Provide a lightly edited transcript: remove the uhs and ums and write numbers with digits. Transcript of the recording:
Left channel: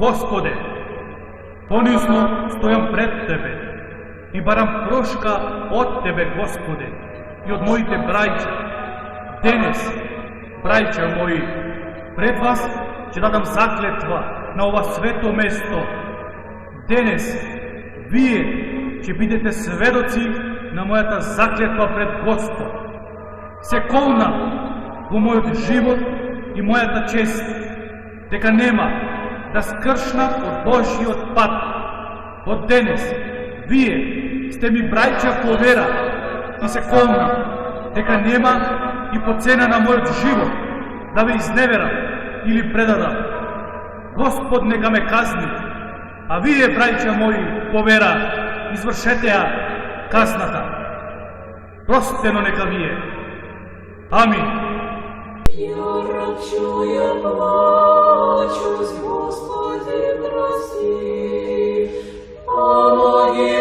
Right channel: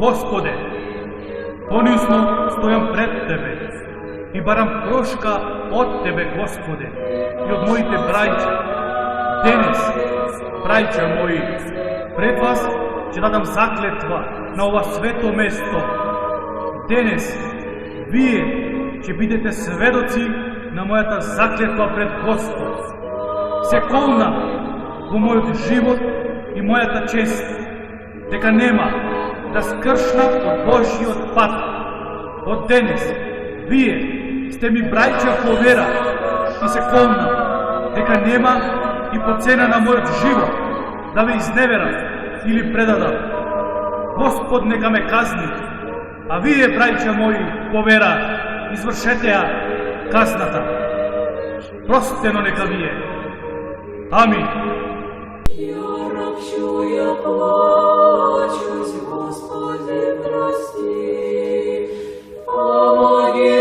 Господе, понизно стоям пред Тебе и барам прошка от Тебе, Господе, и от моите браќа. Денес, браќа мои, пред вас ќе дадам заклетва на ова свето место. Денес, вие ќе бидете сведоци на мојата заклетва пред Господ. Се колнам во мојот живот и мојата чест, дека нема да скршнам од Божиот пат. Од денес, вие сте ми браќа по вера и се колнам дека нема и по цена на мојот живот да ве изневерам или предадам. Господ нека ме казни, а вие, браќа мои, по вера, извршете ја казната. Простено нека вие. Амин. Я ропчу, я плачусь, Господи, прости, помоги.